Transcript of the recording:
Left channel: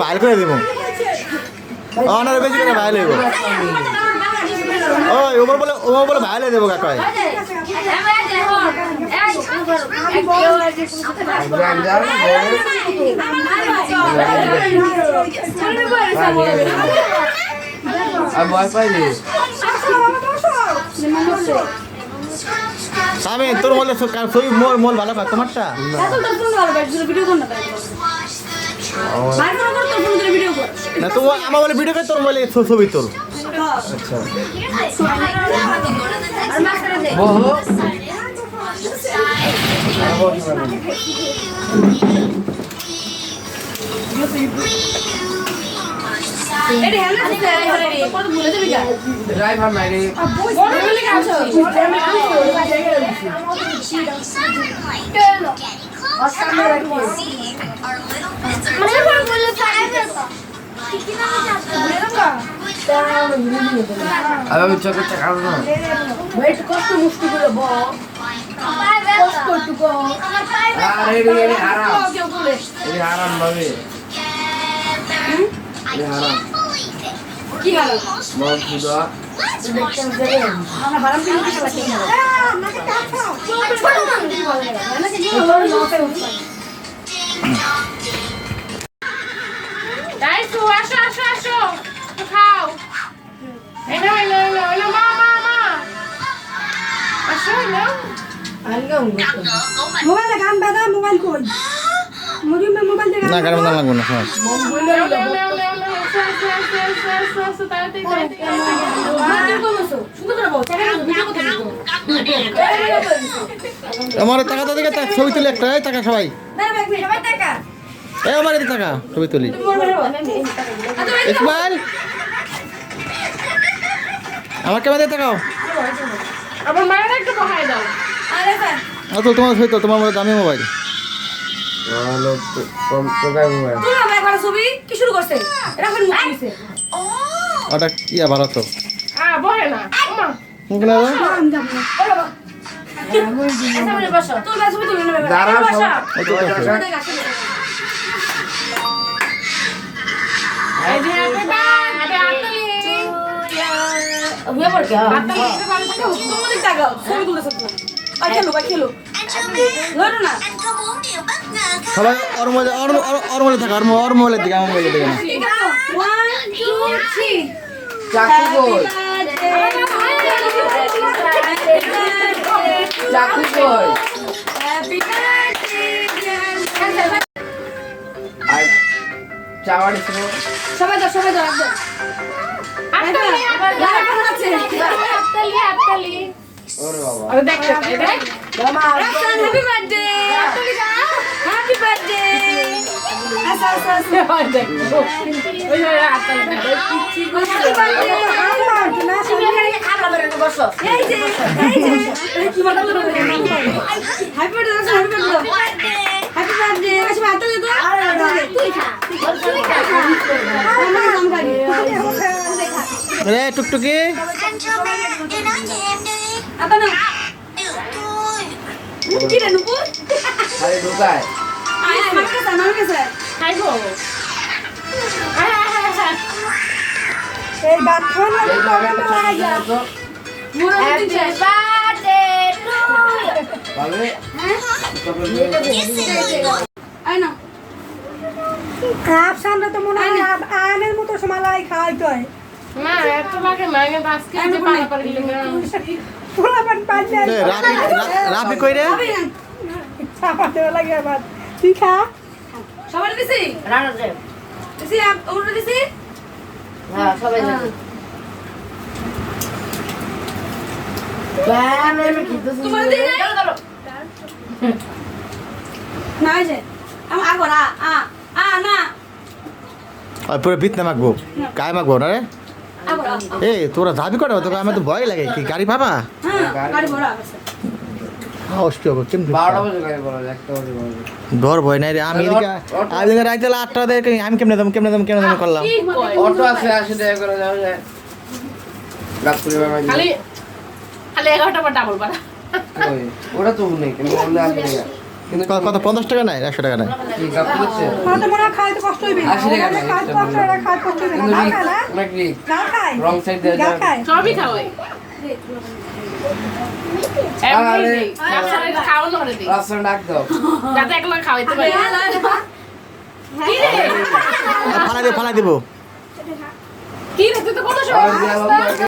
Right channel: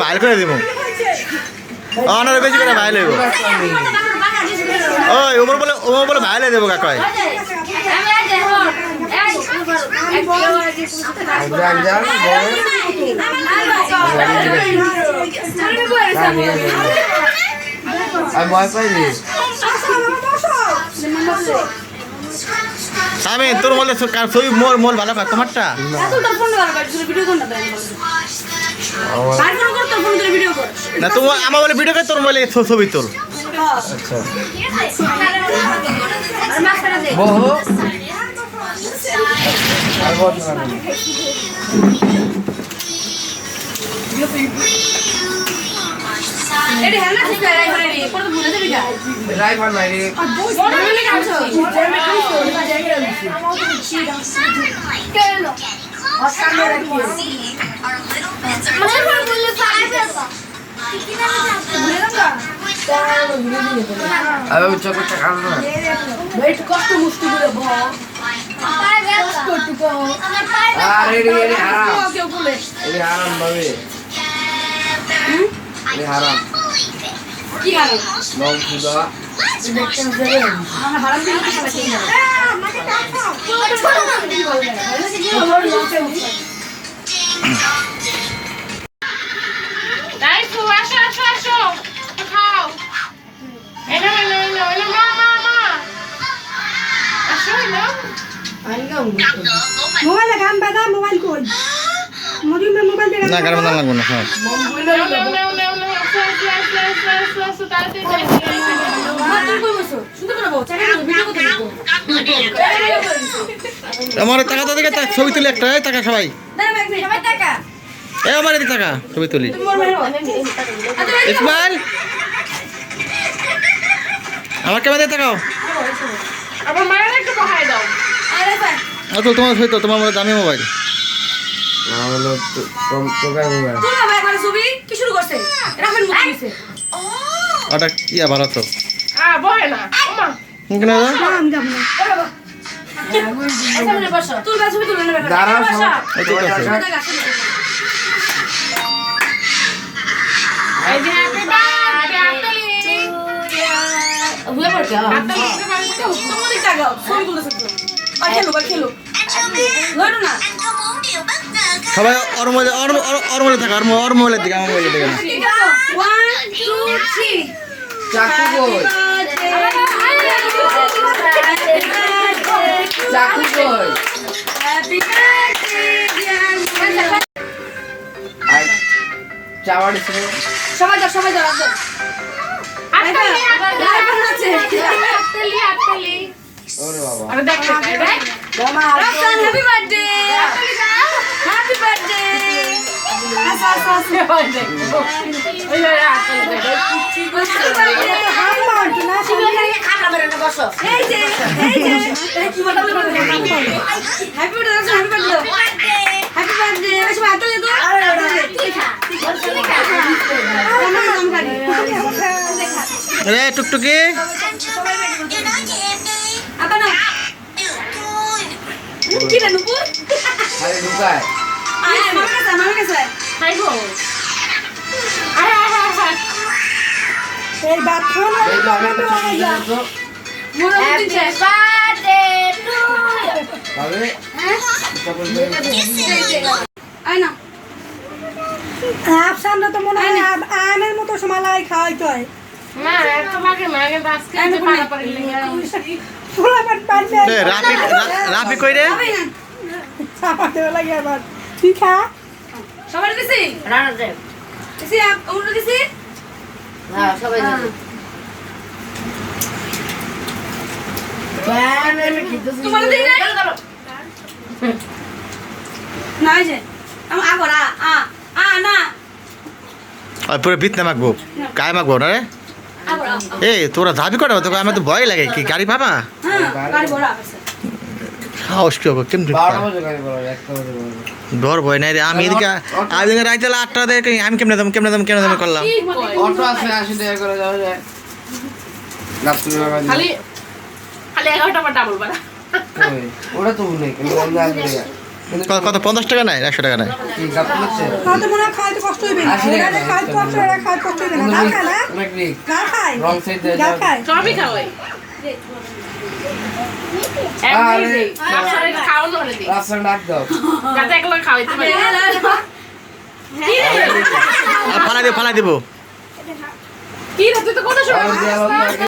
বাইর করে দিব অনার বেশি করে ভাই লইব ওই ওমর বলে ভাই লই দেব কাকাই আমি তোর বলে ছবি মোল ভালো খা তোমারটা না তো আমার বলে ভিডিও করে তোর বলে ছবি তোর কষ্ট মুষ্টি করে আরাম ভাবে আরাম কি মোবাইল গান বাজা মোবাইল কই মোবাইল না গান বাজা লাগবে না হ্যাঁ আমার টাকা তো দেখে ছবি তুলি একটা টাকা সবাই আমার এদিকে টাকা ছবি তুলি ইসমাইল আমার ক্যামেরা তাকাও তোমার ছবি তো তোমার দামি মোবাইল ওটা কি ভালো তো সবাই ওর মোবাইলে থাকা ওর মোবাইলের দিকে আমার মোবাইলের দিকে না সবাই দাও সবাই দাও ওরে বাবা আরে দেখ হ্যাপি বার্থডে হ্যাপি বার্থডে আসা আসা আসা বার্থডে এই যে কি বলবো happy birthday happy birthday happy birthday বেশ ভাত দে তো রে টুকটুকি apa na mungkin ada numpur আরে ঢুকায় mama kesa hai go এই বাথরুম এই যে আমরা একটা ছবি দিলাম তো মোরা দিছে বার্থডে টু তবে আই না আপ সামনে তো মনে হয় আমের মতো সমালাই খাওয়াই তো না তোমাকে মানে আজকে আমি পালা পারিলে রাফি কই রে চাপাতে লাগে আবার তুই খা সবাই দিছি রানা দে দিছি ওটা দিছি হ্যাঁ সবাই দিছি বান আমি কিদছি তোমার দিই না না যে আম আগরা না আর পুরো বিত না মাখবো কায় মাখবো না রে আগরা এই তোরা যাবি করে তোকে আমার তো ভয় লাগে কি গাড়ি পাবা হ্যাঁ গাড়ি বড় আছে সাহস কি হবে কেমন 12টা বাজে গাড়ি বড় 1টা বাজে বড় ডর ভয় নাই রে আমি এদিকে রাইতে 8টা দেখে আমি কেমনে দাম করলাম কি কয়? অটো আছে 80 টাকা করে যাবে যায় গাবতলি বাবা খালি খালি 11টা বা ডাবল বাড়া ওই ওটা তো নেই কিন্তু আমরা আসবে না কিন্তু কত 50 টাকা নাই 100 টাকা নাই কি গাবতলিতে তাতে মনে হয় খাইতে কষ্ট হইবে না 80 টাকা খাইতে কষ্ট হইবে না খাইতে কষ্ট হইবে না না খায় না অনেক রিক না খায় রং সাইড দিয়ে না যাও খায় সবই খাওয়াই আরে, খাওয়ানো হলে দিই রাস্তা ডাক দাও যাতে একলা খাওয়াইতে পারি ফালাই দেবো কি রে তুই তো কোথায় আর দিয়ে আবার